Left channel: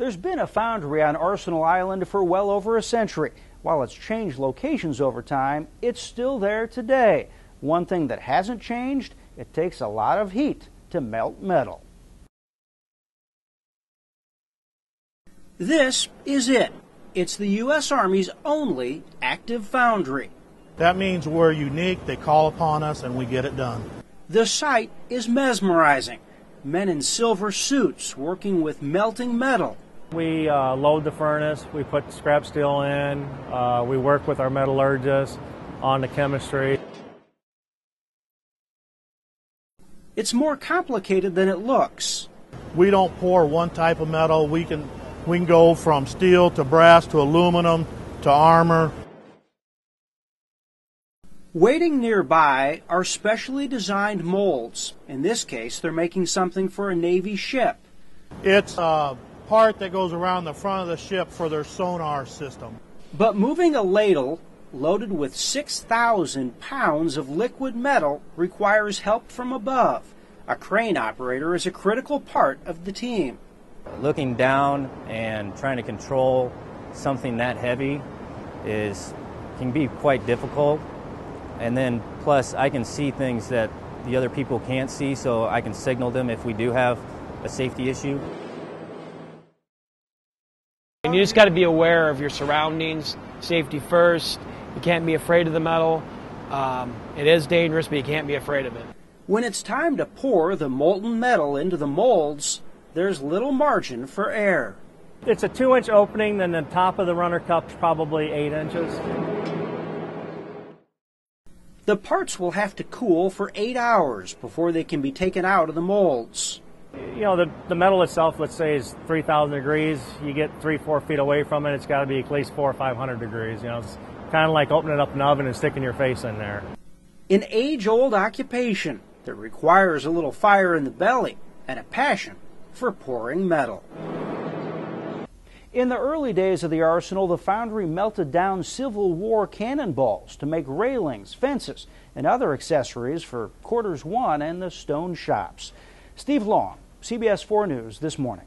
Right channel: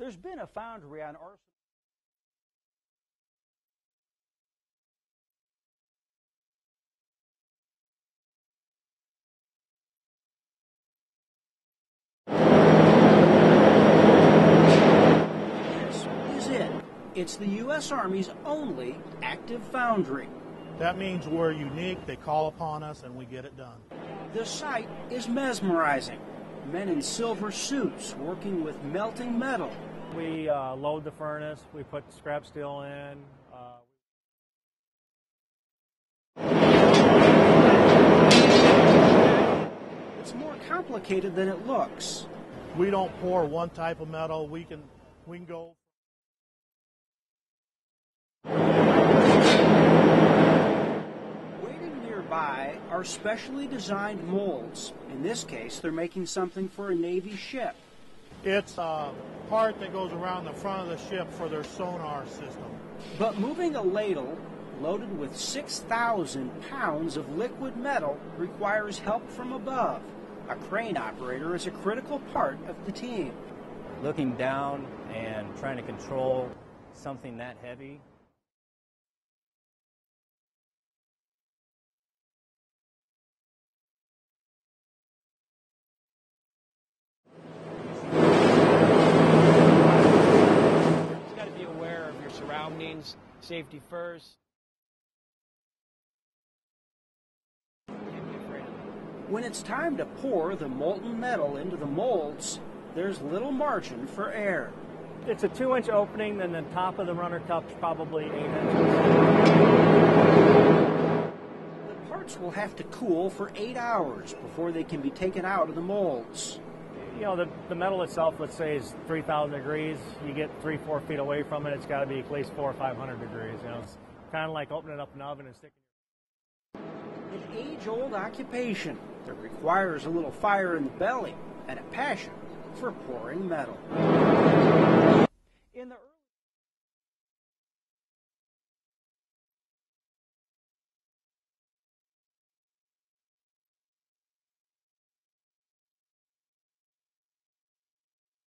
There's been a foundry on Arsenal Island for well over a century. While it's changed locations over time, it's still there today. One thing that hasn't changed, it takes a lot of heat to melt metal. This is it. It's the U.S. Army's only active foundry. That means we're unique. They call upon us and we get it done. The sight is mesmerizing. Men in silver suits working with melting metal. We load the furnace, we put scrap steel in, we work with our metallurgists on the chemistry. It's more complicated than it looks. We don't pour one type of metal. We can go from steel to brass to aluminum to armor. Waiting nearby are specially designed molds. In this case, they're making something for a Navy ship. It's a part that goes around the front of the ship for their sonar system. But moving a ladle loaded with 6,000 pounds of liquid metal requires help from above. A crane operator is a critical part of the team. Looking down and trying to control something that heavy can be quite difficult. And then plus I can see things that the other people can't see, so I can signal them if we do have a safety issue. And you just got to be aware of your surroundings, safety first. You can't be afraid of the metal. It is dangerous, but you can't be afraid of it. When it's time to pour the molten metal into the molds, there's little margin for error. It's a 2-inch opening, then the top of the runner cup's probably 8 inches. The parts will have to cool for 8 hours before they can be taken out of the molds. You know, the metal itself, let's say, is 3,000 degrees. You get 3-4 feet away from it, it's got to be at least 400 or 500 degrees. You know, it's kind of like opening up an oven and sticking your face in there. An age-old occupation that requires a little fire in the belly and a passion for pouring metal. In the early days of the arsenal, the foundry melted down Civil War cannonballs to make railings, fences, and other accessories for Quarters 1 and the stone shops. Steve Long, CBS 4 News this morning.